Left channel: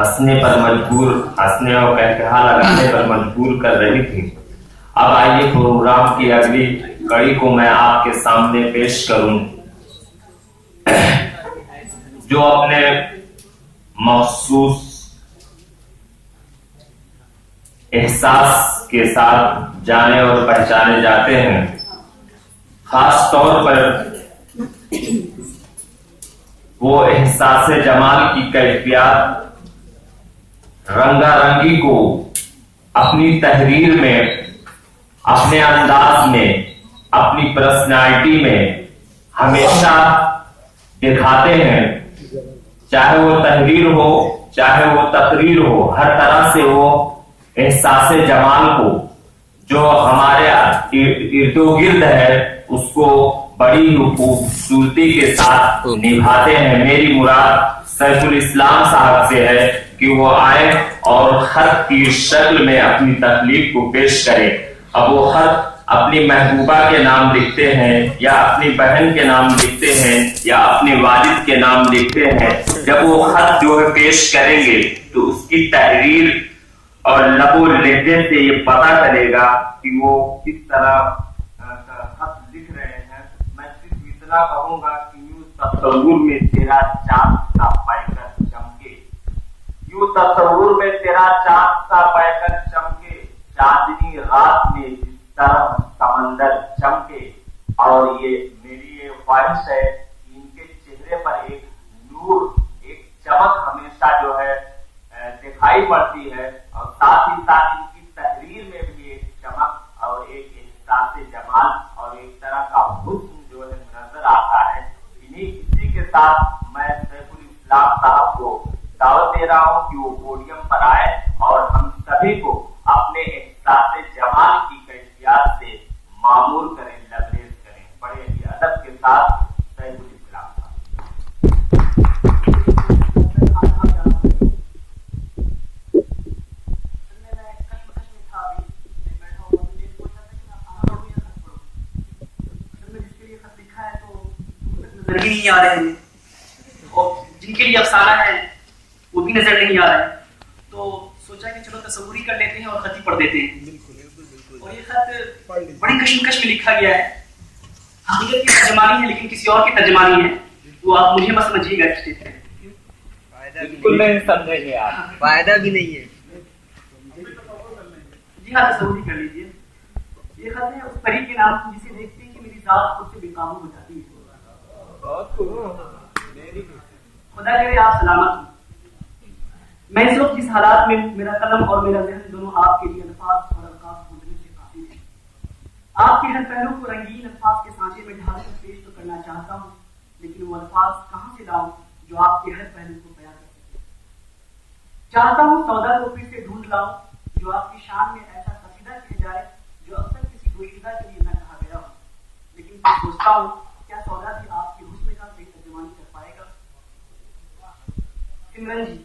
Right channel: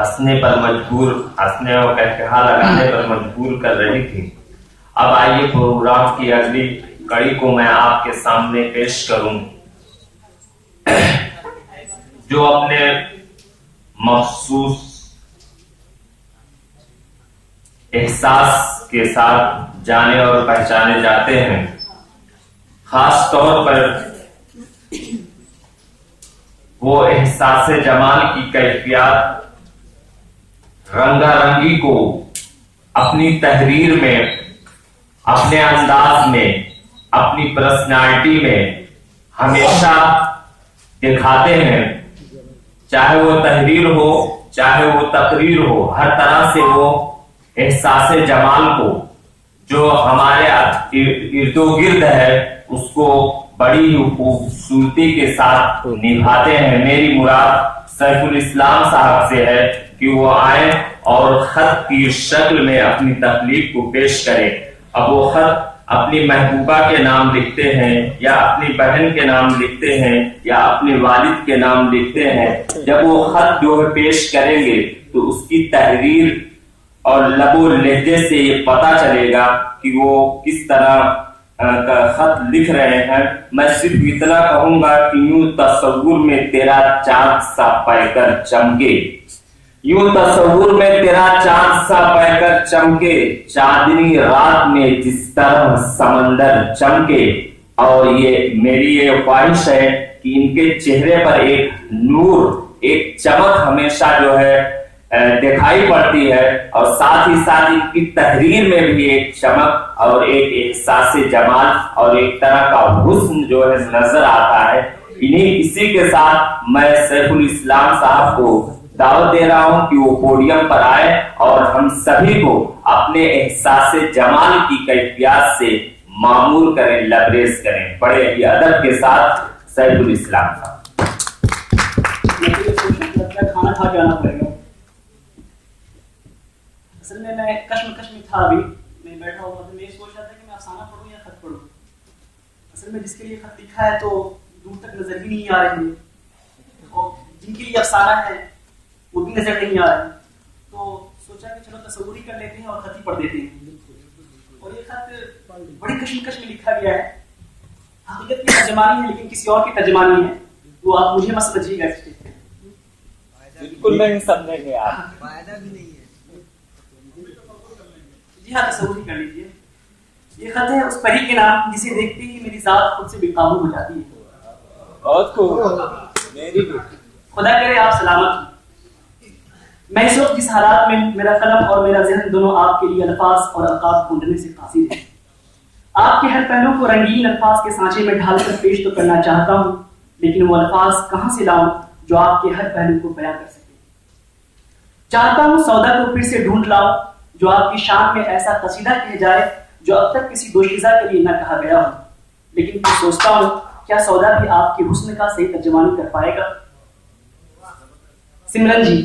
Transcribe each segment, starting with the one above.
हंसने और कहकहा लगाने पर मजबूर कर रही थी। अब आइए प्रोग्राम की अगली कड़ी को मैं आपके सामने पेश करूं, जो अपने मखसूस एहसास के साथ जाने और पहचाने जाते हैं। खास तौर पर वो एहसास जमाल की कैफियत रंगारंगी को अपनी तहरीर में, अपने अंदाज में, अपनी पर्सनालिटी में हमेशा दिखाते हैं। चाहे वो तहरीर हो, चाहे वो तकरीर हो, हर तरह से वो एहसास जमाल को जो हमारे इर्दो गिर्द है उसको बड़ी खूबसूरती के साथ निभाते हैं। मेरी मुराद सैफुल इस्लाम साहब से है कि वो आए और खत की शक्ल में अपनी तकलीफ को पेश करे। अब वो खत अपनी महबूबा के नाम लिखते हैं, या अपनी बहन के नाम लिखते हैं, या अपने वालिद के नाम लिखते हैं। जब वो खत जो है पेश करेंगे तो उसकी तहरीर और लबो लहजे से ये पता चलेगा कि वो किस तरह का खत लिख रहे हैं। मैं सिर्फ इतना कहूंगा कि यूं तस्वुर में तेरा चांद सा पैकर चमके, यूं तस्वुर में तेरा चांद सा पैकर चमके, चांदनी रात में जिस तरह समंदर चमके। और ये मेरी ये ख्वाहिश है कि इनके चेहरे पर एक नूर, एक चमक हमेशा जो है दिखाई पड़ती है, और साथ ही साथ इनकी तहरीर में भी एक चमक और एक एहसास जमाल और एक तरह का हुस्न जो है नजर आता है। इसी के साथ मैं सैफुल इस्लाम साहब को दावत दे रहा हूं कि वो पोडियम पर आए और हम सभी को अपने एहसास जमाल की कैफियत से मामूर करें, लबरेज करें। बड़े ही अदब के साथ सैफुल इस्लाम साहब। खाना खा के आना पड़ेगा। असल में मैं कश्मकश में था, अभी मैं बैठा हुआ था। मैं सोच रहा था कि मैं अफसाना पढ़ूं या खत पढ़ूं। असल में जिसके लिए खत लिखा है तो दूर तक नजर ही नहीं आ रहे हैं, और जिनके लिए अफसाना है वो भी नजर नहीं आ रहा है। तो सोचा कि चलो तसव्वुर ही कर लेते हैं और खत ही पढ़ देते हैं। और ये खत बड़ी कश्मकश में लिखा गया है। हकीकत की तर्जमानी है, लेकिन किसी और की तर्जमानी है, तो आप मुझे मत समझिएगा। बिल्कुल नहीं समझेंगे आप, फायदा भी नहीं है। जी हाँ, तसव्वुर ही कर लीजिए। ये खत है उस परी के नाम जिसे देखते ही मेरी जात खुद से बेकाबू हो जाती है। बहुत खूब, मेरी भी। खुदा करे आप सलामत हो। मैं इस वक्त जिस हालात में, मेरा कलम और मेरा ज़हन दोनों आपके लिए अल्फाज और अलकाब ढूंढने से कासिर है। आपके हर पहलू को रंगीन अल्फाज के सांचे में ढालकर पेश तो करना चाहता हूँ, लेकिन वो अल्फाज कहाँ से लाऊं जो आपके हर पहलू को बयां कर सके। चाहता हूँ सौदा को फिर से ढूंढ लाऊं जो आपकी शान में ऐसा कसीदा कह जाए जो अब तक किसी दोशीज़ा के लिए न कहा गया हो। लेकिन फिर सोचता हूँ क्या सौदा भी आपके हुस्न का सही तर्जुमानी कर पाएगा। सिमरन जी,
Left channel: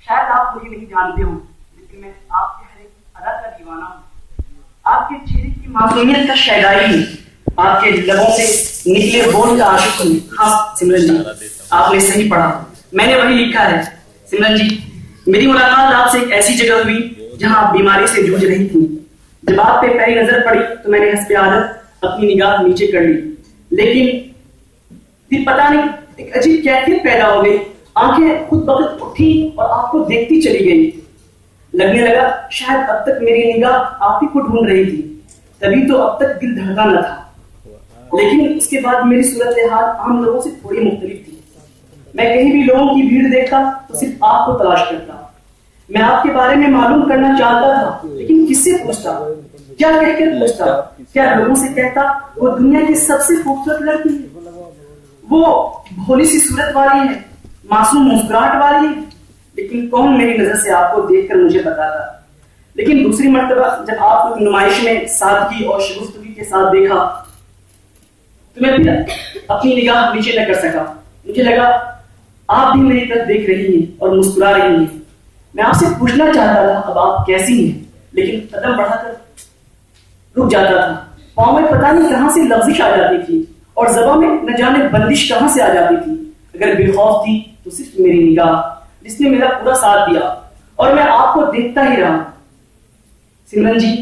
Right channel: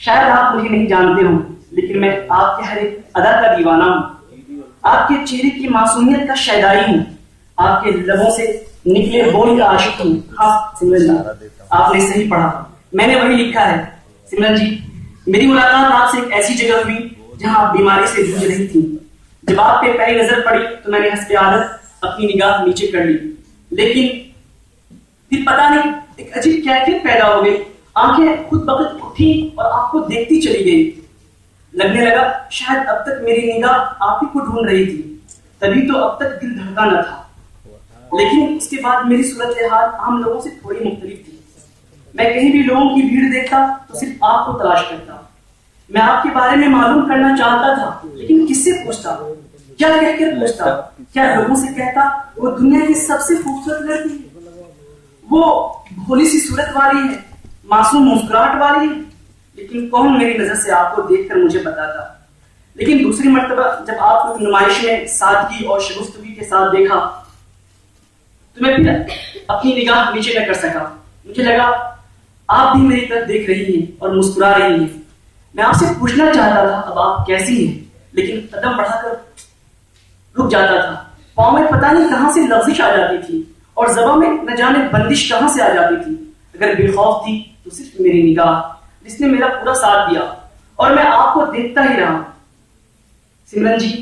शायद आप मुझे नहीं जानते हो, लेकिन मैं आपके हर एक अदा का दीवाना हूँ। आपके चेहरे की मासूमियत का शैदाई हूँ, आपके लबों से नीले होठ का आशिक हूँ। हाँ सिमरन जी, आपने सही पढ़ा, मैंने वही लिखा है। सिमरन जी, मेरी मुलाकात आपसे एक ऐसी जगह हुई जहां आप बीमारी से जूझ रही थी। जब आप पे पहली नजर पड़ी तो मैंने हंसते आदत अपनी निगाह नीचे कर ली, लेकिन फिर पता नहीं एक अजीब कैफियत पैदा हो गई। आंखें खुद बखुद उठी और आपको देखती चली गई। लगने लगा शायद अब तक मेरी निगाह आप ही को ढूंढ रही थी, तभी तो अब तक दिल धड़का न था। लेकिन उसके बाद मेरी सूरत हाल आम लोगों से थोड़ी मुख्तलिफ थी। मैं कहीं भी लोगों की भीड़ देखता तो सिर्फ आपको तलाश करता। मैं आपके बारे में मालूम करना चाहता था, लेकिन किससे पूछता, क्या कहकर पूछता? क्या लोगों से कहता वो दुनिया की सबसे खूबसूरत लड़की है, वो भोली सी सूरत वाली है, मासूम मुस्कुराहट वाली है। लेकिन कौन मेरी नजर से आपको देखकर मुझे बताता। लेकिन दूसरी मर्तबा जब आपको नुमाइश में सादगी और शगुफ्तगी के साथ देखा तो मैं फिर अपनी निगाह नीचे न कर सका। मुझे लगा आप भी मेरी तरफ देख रही हैं और मुस्कुरा रही हैं। मैं आपसे पूछना चाहता था अब आप कैसी हैं, लेकिन कदम बढ़ाकर रुक जाता था। पाँव में पता नहीं कहां से लफ्जिश आ जाती थी और ज़बान में न जाने बंदिश कहां से आ जाती थी। अगर बेखौफ थी तो सिर्फ मेरी निगाह, जिसने मेरा पूरा साथ दिया और मैं आपको देखता ही रहा। सिमरन जी,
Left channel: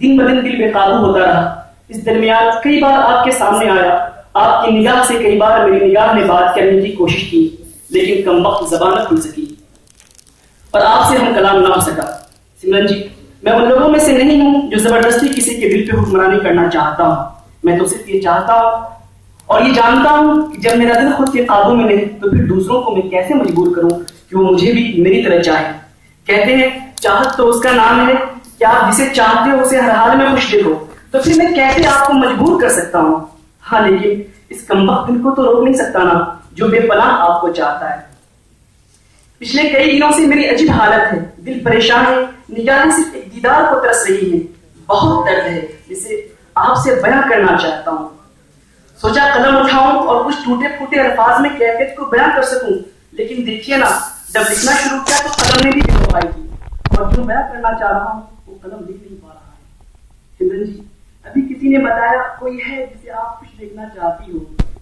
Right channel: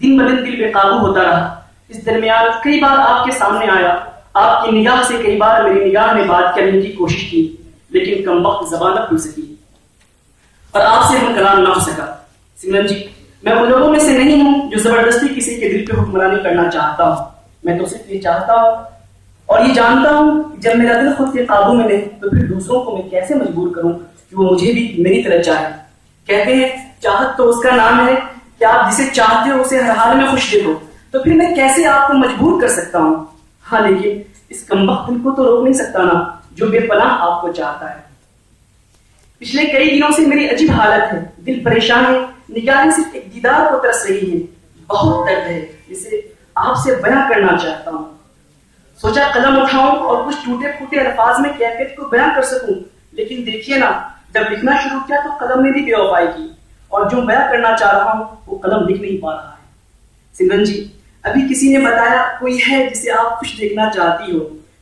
दिन ब दिन दिल बेकाबू होता रहा। इस दरमियान कई बार आपके सामने आया, आपकी निगाह से कई बार मेरी निगाह ने बात करने की कोशिश की, लेकिन कमबख्त ज़बान न खुल सकी और आपसे हम कलाम ना हो सका। सिमरन जी, मैं उन लोगों में से नहीं हूं जो जबरदस्ती किसी के दिल पे हुक्मरानी करना चाहता हूं। मैं तो सिर्फ ये चाहता हूं और ये जानता हूं कि जब मेरा दिल खुद के काबू में नहीं तो फिर दूसरों को मैं कैसे मजबूर करूं कि वो मुझे भी मेरी तरह चाहे। कहते हैं चाहत तो उसका नाम है कि आप जिसे चाहते हो उसे हर हाल में मुश्किल हो, तो फिर मैं कैसे आपको मजबूर कर सकता हूँ। हाँ, लेकिन इस कमबख्त दिल को तो रोक नहीं सकता ना, जो बेपनाह आपको चाहता है। पिछले कई दिनों से मेरी अजीब हालत है, दिल परेशान है, निगाहें सिर्फ एक दीदार को तरस रही है। बहुत दर्द है जिसे आपसे बयां करना चाहता हूँ। सोचा कलम उठाऊं और कुछ टूटे फूटे अल्फाज में कैफियत को बयां कर सकूं, लेकिन देखिए ना, जब लिखना शुरू किया तो कलम ने भी बेवफाई की और जो बयां करना चाह रहा हूं वो कलम लिख नहीं पा रहा है। सिमरन जी, अभी किसी ने बताया कोई है जिसे आप खुश देखना चाहती हो,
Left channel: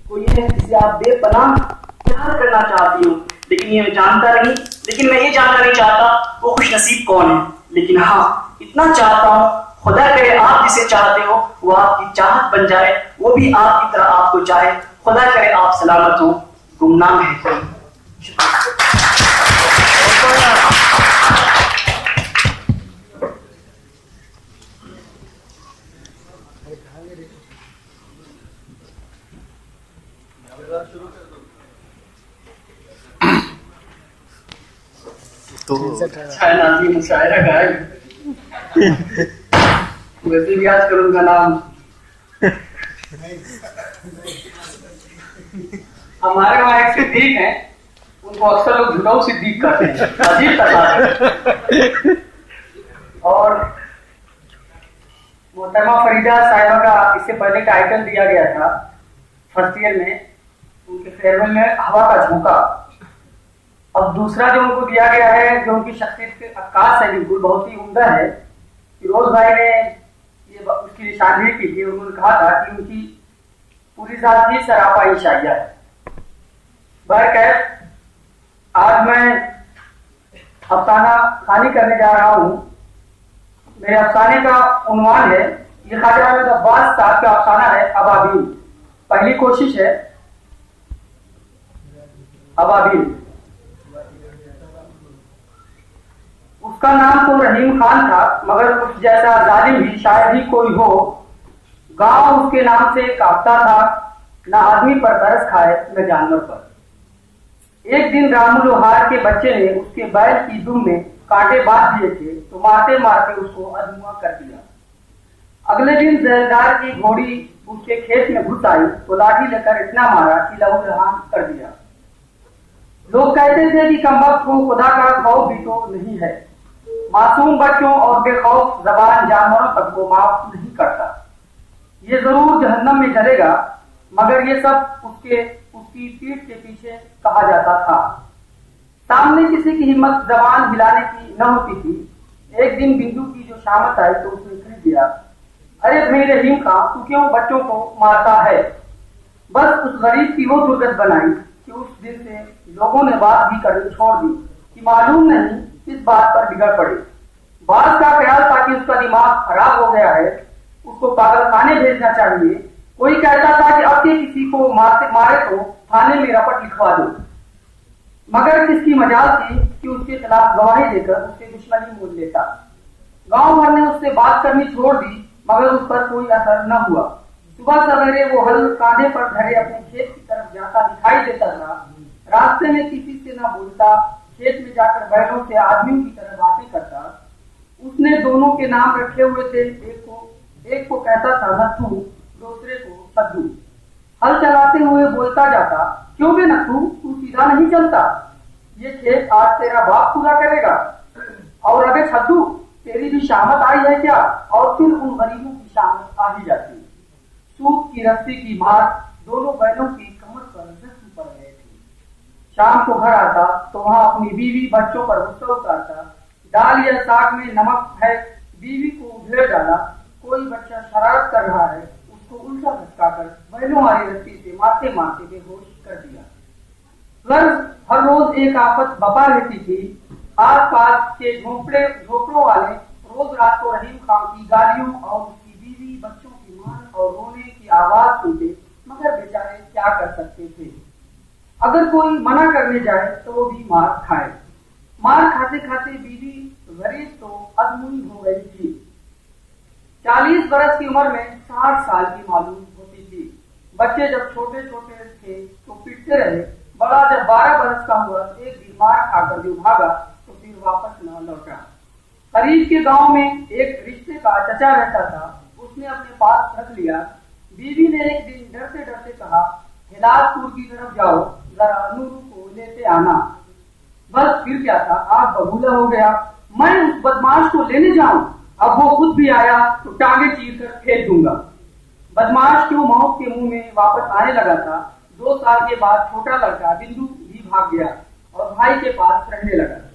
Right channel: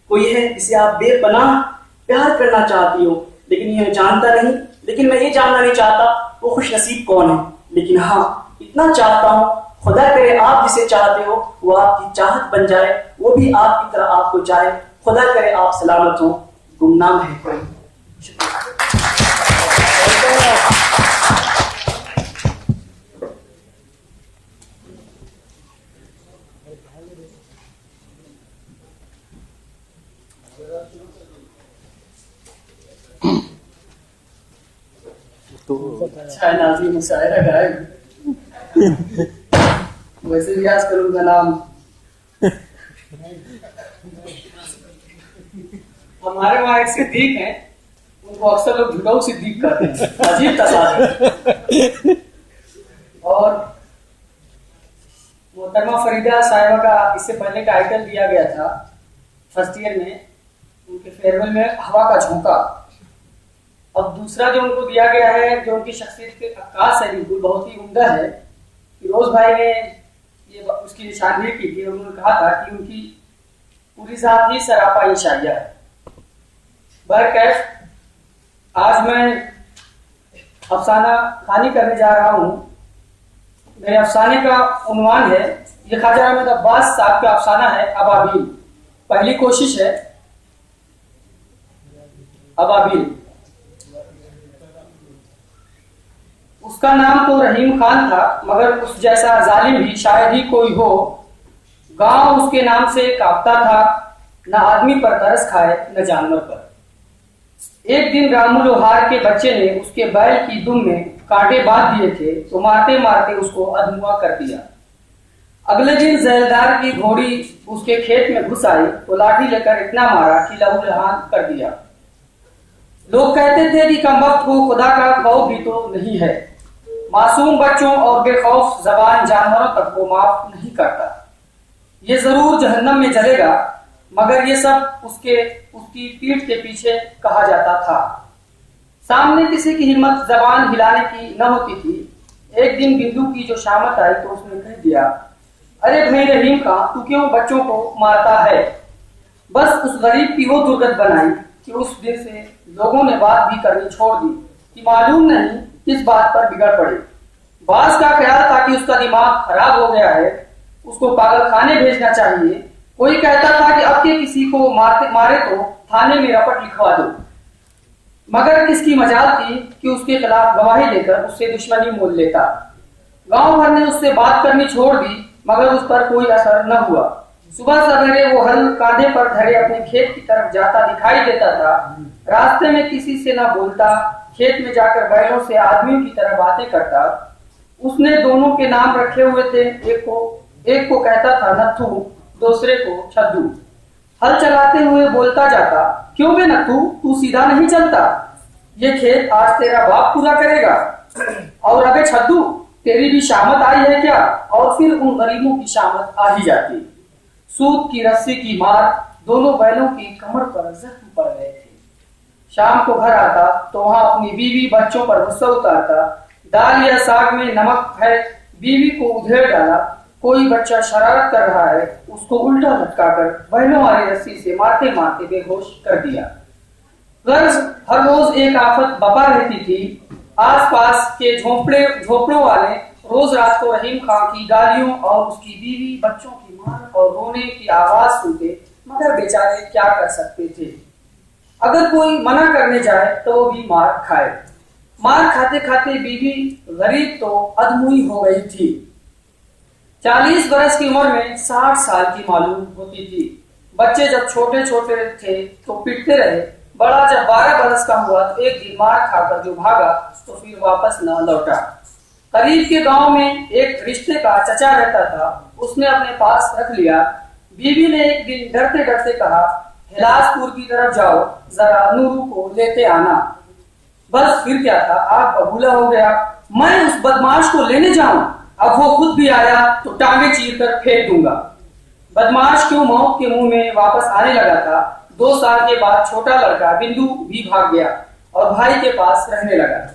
कोई है जिसे आप बेपनाह प्यार करना चाहती हो, लेकिन ये मैं जानता नहीं, लेकिन मैं ये जानना नहीं चाहता वो खुश नसीब कौन है। लेकिन हाँ, इतना चाहता हूँ, खुदा करे आप जिसे चाहते हो वो आपकी चाहत बन जाए, वो भी आपकी तरह आपको चाहे। खुदा करे आप सलामत हो, गुमनाम है। वैसे भी आज करूंगा नाम। हमारे वहाँ एक सिद्दीक है, उनको अक्सर लोग झुकाऊ सिद्दीक कहते हैं। अजीब तस्वीर। और मोहतरमा फरीदा साहिबा का इससे पहले टाइटल दिया गया था फर्स्ट ईयर में, उनके फेयरवेल में हवा का झोंका। अब दूसरा जो उनको दिया गया है, जो उनकी शख्सियत के अक्कास है, बिल्कुल बहुत ही उम्दा है। फिरोज भाई ने ये उसकी निशानदेही की थी और उन्होंने कहा था कि उनकी पूरी जात ही सरापा इंशाइया है। बहरकैफ, आज मैं अफसाना खानी करने जा रहा हूँ। मेरे अफसाने का उन्वान है, ये ख्वाजा अहमद अब्बास साहब का अफसाना है, अबाबिल। पहली कोशिश है, अबाबिल। उसका नाम तो रहीम खान था, मगर उस जैसा जालिम ही शायद ही कोई हो। गांव उसके नाम से कांपता था, न आदमी पर तरस खाए न जानवर पर। एक दिन रामू लोहार के बच्चे ने उसके बैल की दुम में कांटे बांध दिए थे, तो मारते मारते उसको अधमुआ कर दिया। अगले दिन जैलदार की घोड़ी उसके खेत में घुस आई तो लाठी लेकर इतना मारा कि लहूलुहान कर दिया। लोग कहते थे कि कमबख्त को खुदा का खौफ भी तो नहीं है। मासूम बच्चों और बेखौफ जबान जानवरों तक को माफ नहीं करता। ये जरूर जहन्नम में जलेगा, मगर ये सब उसकी पीठ के पीछे कहा जाता था। सामने किसी की हिम्मत जबान हिलाने की न होती थी। एक दिन बिंदु की जो शामत आई तो उसने कह दिया, अरे भाई रहीम खां, तू क्यों बच्चों को मारता है? बस उस गरीब की वो दुर्गत बनाई कि उस दिन से लोगों ने बात भी करनी छोड़ दी कि मालूम नहीं किस बात पर बिगड़ पड़े। बास का ख्याल था कि उसका दिमाग खराब हो गया है, उसको पागल खाने भेजना चाहिए। कोई कहता था कि अब के किसी को मारे तो थाने में रपट लिखवा दो, मगर किसकी मजाल थी कि उसके खिलाफ गवाही देकर उससे दुश्मनी मोल लेता। गांव भर ने उससे बात करनी छोड़ दी, मगर उस पर कोई असर न हुआ। सुबह सवेरे वो हल कांधे पर धरे अपने खेत की तरफ जाता दिखाई देता था। रास्ते में किसी से न बोलता, खेत में जाकर बैलों से आदमियों की तरह बातें करता। उसने दोनों के नाम रखे हुए थे, एक को कहता था नथु, दूसरे को छद्दू। हल चलाते हुए बोलता जाता, क्यों बे नथु, तू सीधा नहीं चलता? ये खेत आज तेरा बाप पूरा करेगा। और अबे छद्दू, तेरी भी शामत आई है क्या? और फिर उन गरीबों की शामत आ ही जाती। सूत की रस्सी की मार दोनों बैलों की कमर पर जख्म पड़ गए थे। शाम को घर आता तो वहां अपनी बीवी बच्चों पर गुस्सा उतारता। दाल या साग में नमक है, बीवी को उधेड़ डाला। कोई बच्चा शरारत कर रहा है, उसको उल्टा लटकाकर बैलों वाली रस्सी से मारते मारते बेहोश कर दिया। गर्ज हर रोज एक आफत बपा रहती थी। आसपास के झोपड़ों वाले रोज रात को रहीम खां की गालियों और उसकी बीवी बच्चों की मार और रोने की आवाज सुनते, मगर बेचारे क्या कर सकते थे। अगर कोई मना करने जाए तो वो भी मार खाए। मार खाते खाते बीवी गरीब तो अधमुई हो गई थी। 40 बरस की उम्र में 60 साल की मालूम होती थी। बच्चे जब छोटे छोटे थे तो पिटते रहे। बड़ा जब 12 बरस का हुआ तो एक दिन मार खाकर जो भागा तो फिर वापस न लौटा। करीब के गांव में एक रिश्ते का चचा रहता था, उसने अपने पास रख लिया। बीवी ने एक दिन डरते डरते कहा, हिलासपुर की तरफ जाओ, जरा नूरू को लेते आना। बस फिर क्या था, आग बबूला हो गया। मैं उस बदमाश को लेने जाऊं, अब वो खुद भी आया तो टांगे चीर कर फेंक दूंगा। बदमाश क्यों मौत के मुंह में वापस आने लगा था। 2 साल के बाद छोटा लड़का बिंदु भी भाग गया और भाई के पास रहने लगा।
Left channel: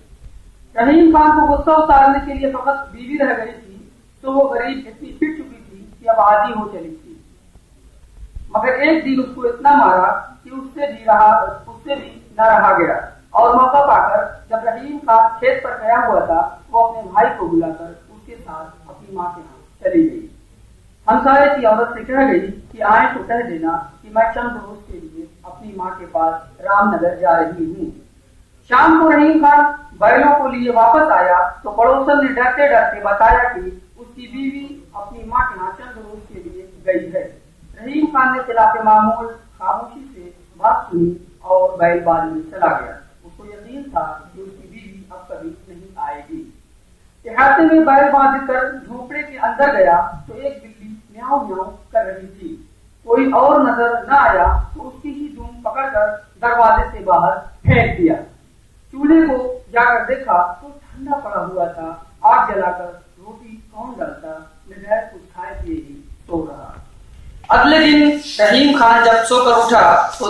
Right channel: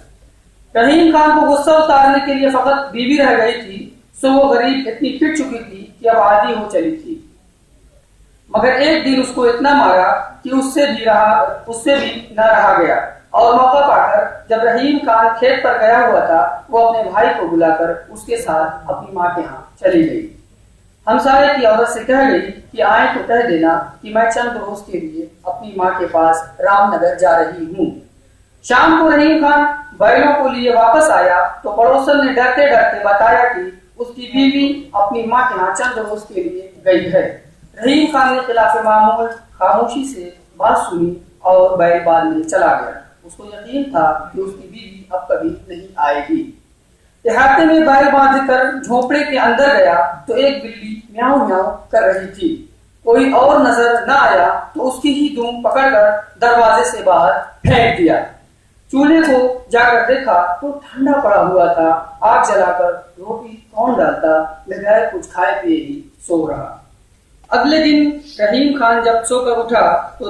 रहीम खान को गुस्सा उतारने के लिए फकत बीवी रह गई थी, सो वो गरीब इतनी पिट चुकी थी कि अब आदी हो चली थी। मगर एक दिन उसको इतना मारा कि उससे भी न रहा गया और मौका पाकर जब रहीम खान खेत पर गया हुआ था, वो अपने भाई को बुलाकर उसके साथ अपनी माँ के यहाँ चली गई। हमसाये की औरत से कह गई कि आए तो कह देना कि मैं चंद रोज के लिए अपनी माँ के पास रामनगर जा रही हूँ। शाम को रहीम खान बैलों को लिए वापस आया तो पड़ोसन ने डरते डरते बताया कि उसकी बीवी अपनी माँ के यहाँ चंद रोज के लिए गई है। रहीम खान ने खिलाफ मामूल खामोशी से बात सुनी और बैल बांधने चला गया। उसको यकीन था कि उसकी बीवी अब कभी नहीं आएगी। इहाते में बैल बांधकर झोपड़े के अंदर गया तो एक बिल्ली म्याऊं म्याऊं कर रही थी। कोई और नजर न आया तो उसकी ही दुम पकड़कर दरवाजे से बाहर फेंक दिया। चूल्हे को जाकर देखा तो ठंडा पड़ा हुआ था। आग जलाकर रोटी कौन डालता, बगैर कुछ खाए पिए ही सो रहा। अगले दिन रहीम खान जब सोकर उठा तो